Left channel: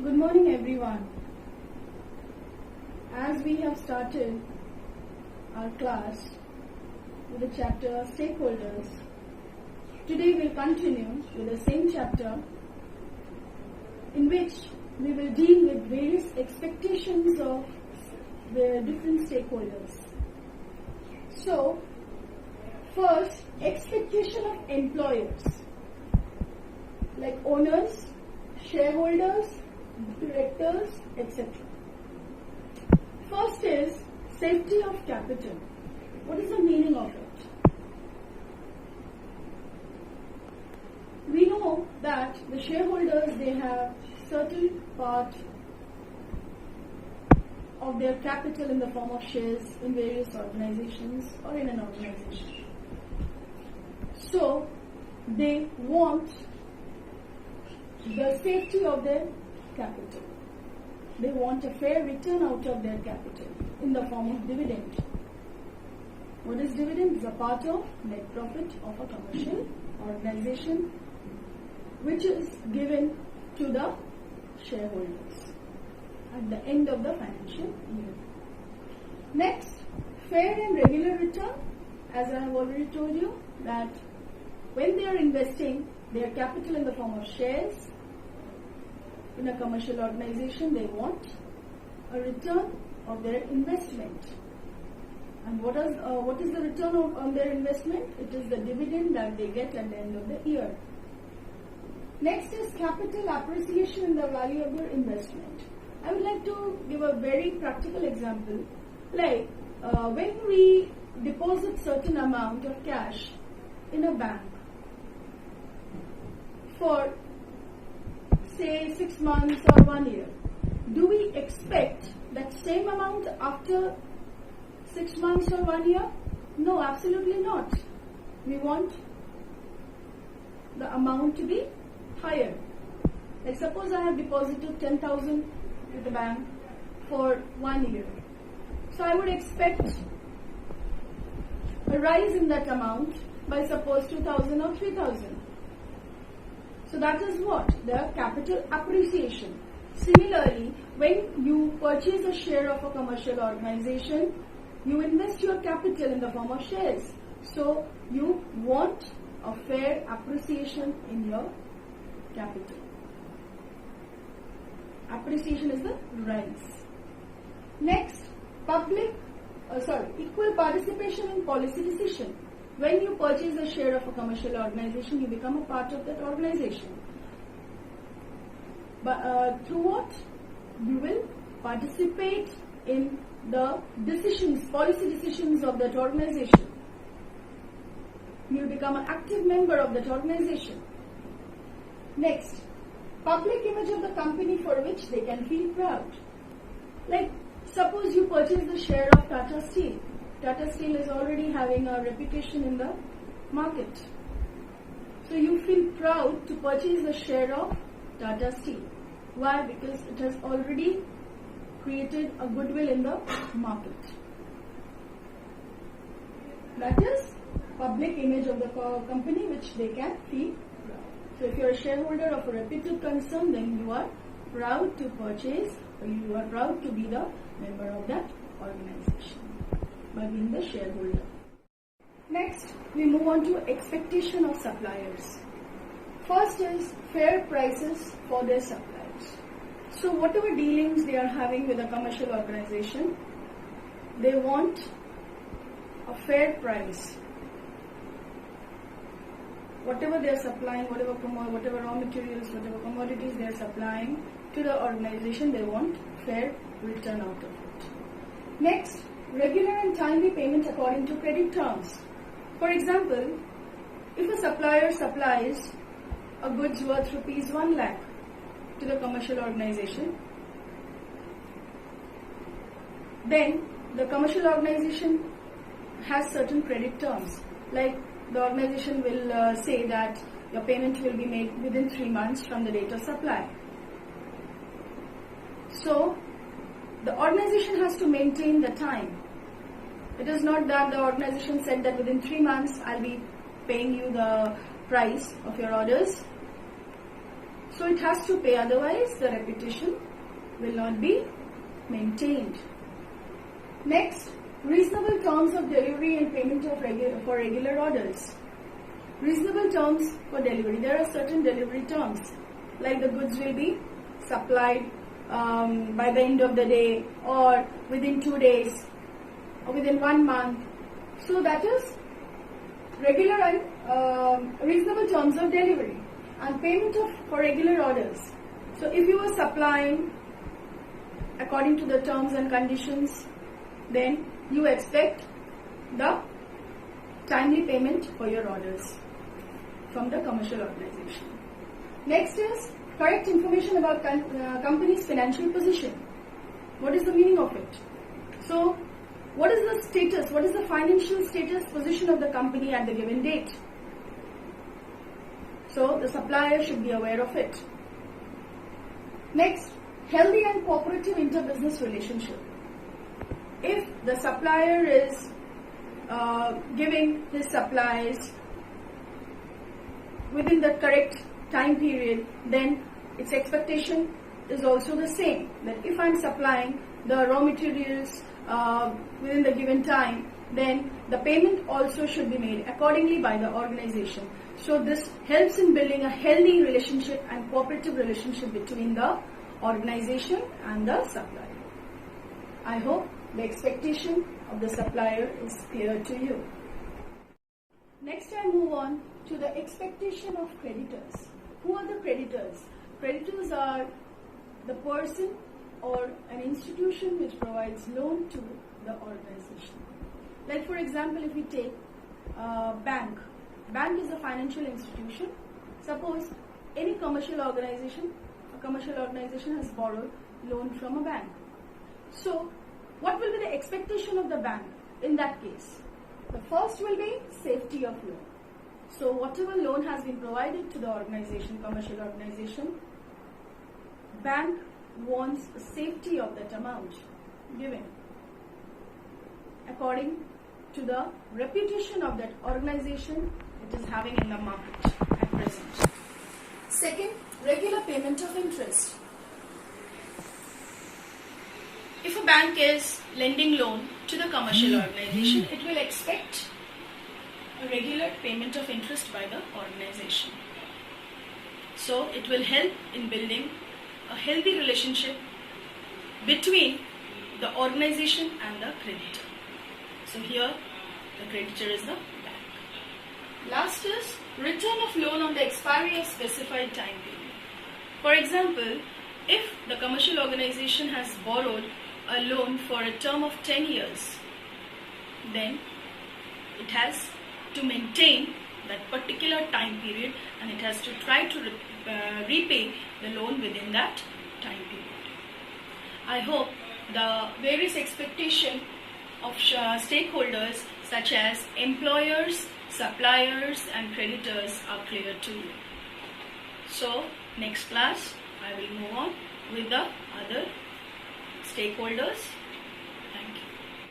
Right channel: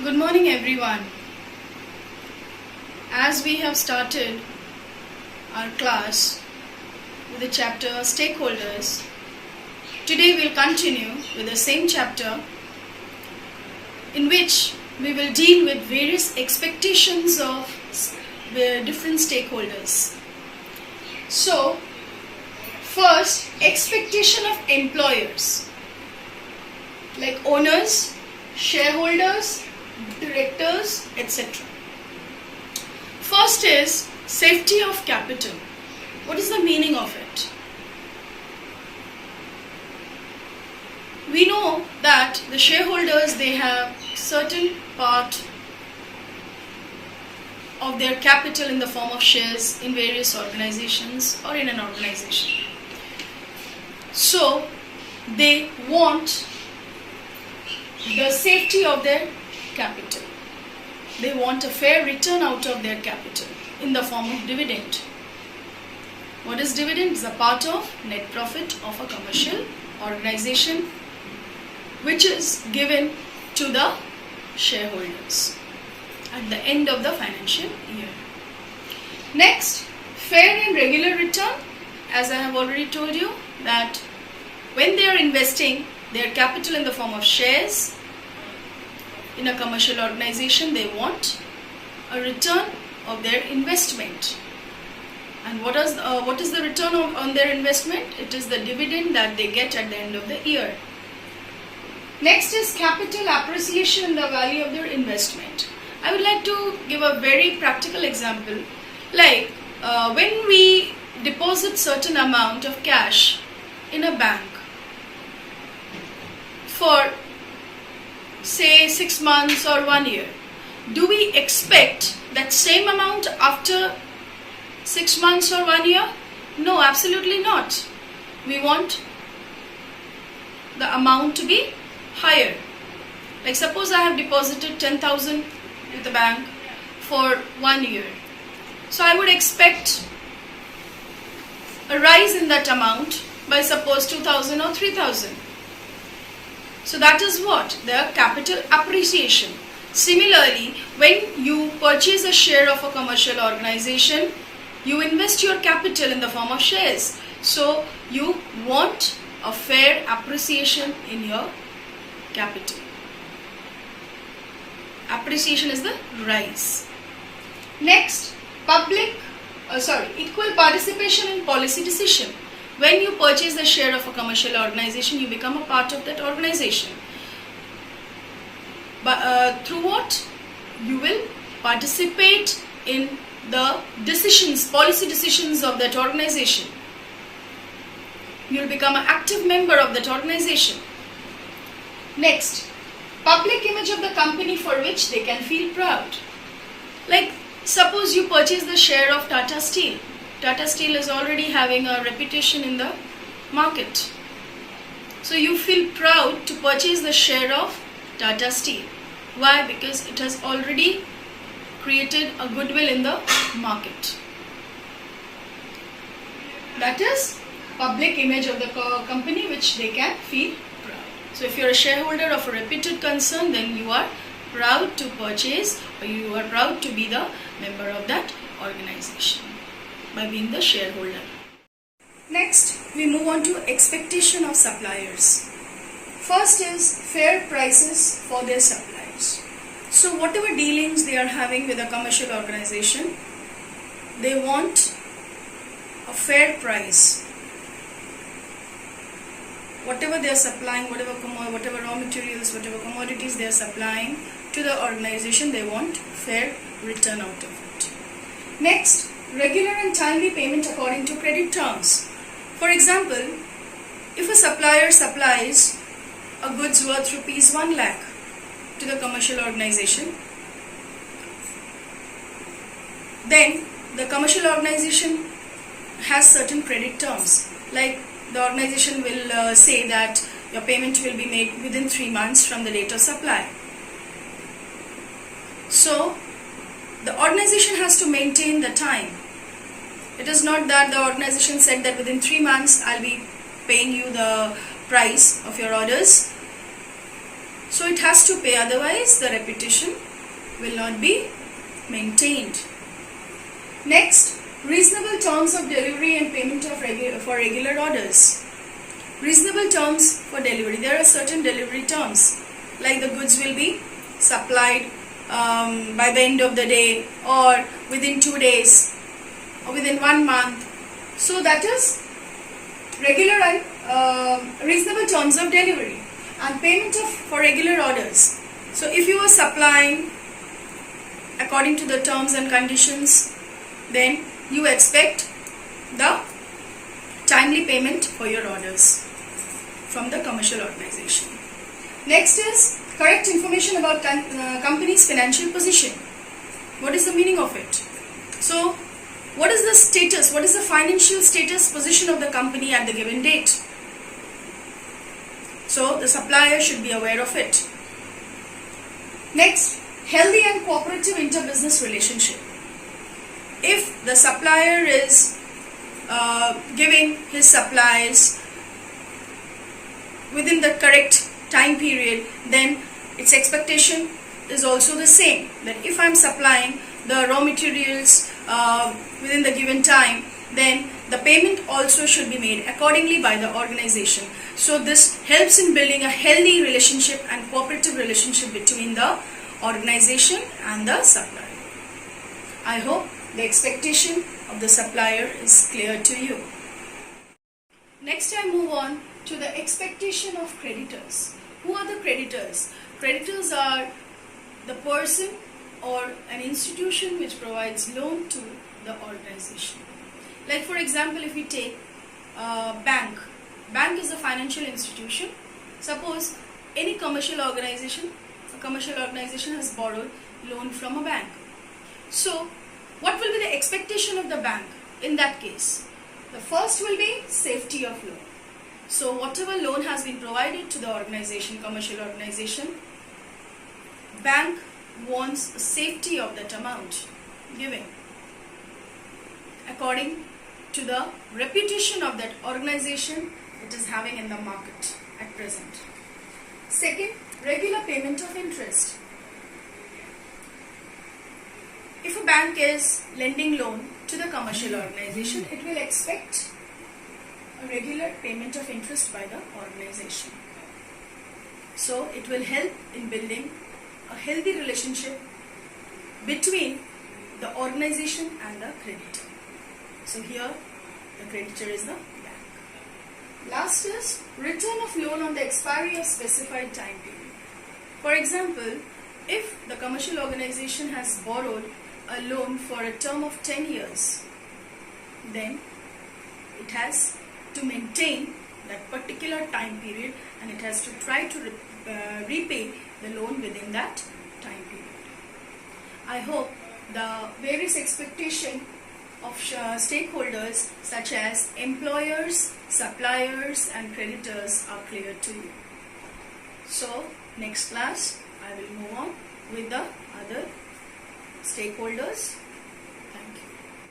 Good morning everyone. As we have started our class with the chapter Stakeholders, today we'll continue with the same chapter in which we will deal with various expectations of the different stakeholders. So, first, expectation of employers like owners, shareholders, directors, etc. First is safety of capital. What is the meaning of it? We know that the shareholders, they have certain part of their capital in the form of shares in various organizations or in an organization. So they want the safety of their capital. They want a fair return out of their capital in the form of dividend. What is dividend? It's a part of net profit of a commercial organization which is given to the shareholders at the end of the financial year. Next, fair and regular return. As I have already told you that when they are investing their capital in the form of shares in a commercial organization, they want a return of their investment. And what is the return on their investment? It is the dividend that they get at the end of the year. Next is capital appreciation in the value of their investment. I would like to give a very practical example. Like when we deposit certain amount of cash in a bank for say 6 months or 1 year, do we expect that same amount after 6 months or 1 year? No, absolutely not. We want the amount to be higher. Like suppose I have deposited 10,000 with the bank for 1 year. So I would expect a rise in that amount by suppose 2,000 or 3,000. So that is what? The capital appreciation. Similarly, when you purchase a share of a commercial organization, you invest your capital in the form of shares. So you want a fair appreciation in your capital. Appreciation is the rise. Next, equal participation in policy decision. When you purchase the share of a commercial organization, you become a part of that organization. But through what? You will participate in the decisions, policy decisions of that organization. You will become an active member of that organization. Next, public image of the company for which they can feel proud. Like suppose you purchase the share of Tata Steel. Tata Steel is already having a reputation in the market. So you feel proud to purchase the share of Tata Steel. Why? Because it has already created a goodwill in the market. That is public image of the company which they can feel proud. So if you are a shareholder of a reputed concern, then you are proud to purchase, or you are proud to be the member of that organization by being the shareholder. Next, we move on to expectation of suppliers. First is fair prices for their suppliers. So whatever dealings they are having with a commercial organization, they want a fair price. Whatever they are supplying, whatever raw materials, whatever commodities they are supplying to the organization, they want fair return out of it. Next, regular and timely payment according to credit terms. For example, if a supplier supplies a goods worth rupees 1 lakh to the commercial organization, then the commercial organization has certain credit terms. Like the organization will say that your payment will be made within 3 months from the date of supply. So the organization has to maintain the time. It is not that the organization said that within 3 months I'll be paying you the price of your orders. So it has to pay, otherwise the reputation will not be maintained. Next, reasonable terms of delivery and payment of for regular orders. Reasonable terms for delivery. There are certain delivery terms, like the goods will be supplied by the end of the day, or within 2 days, or within 1 month. So that is regular and reasonable terms of delivery. And payment for regular orders. So if you are supplying according to the terms and conditions, then you expect the timely payment for your orders from the commercial organization. Next is correct information about company's financial position. What is the meaning of it? So what is the status, what is the financial status position of the company at the given date? So the supplier should be aware of it. Next, healthy and cooperative inter-business relationship. If the supplier is giving his supplies within the correct time period, then its expectation is also the same, that if I am supplying the raw materials within the given time, then the payment also should be made accordingly by the organization. So this helps in building a healthy relationship and cooperative relationship between the organization and the supplier. I hope the expectation of the supplier is clear to you. Next, I move on to the expectation of creditors. Who are the creditors? Creditors are the person or an institution which provides loan to the organization. Like for example, if we take bank. Bank is a financial institution. Suppose any commercial organization, a commercial organization has borrowed loan from a bank. So what will be the expectation of the bank in that case? The first will be safety of loan. So whatever loan has been provided to the organization, commercial organization, bank wants the safety of that amount given according to the reputation of that organization it is having in the market at present. Second, regular payment of interest. If a bank is lending loan to the commercial organization, it will expect a regular payment of interest by the organization. So it will help in building a healthy relationship between the organization and the creditor. So here the creditor is the bank. Last is return of loan on the expiry of specified time period. For example, if the commercial organization has borrowed a loan for a term of 10 years, then it has to maintain that particular time period and it has to try to repay the loan within that time period. I hope the various expectations of stakeholders such as employers, suppliers and creditors are clear to you. So next class I will move on with the other stakeholders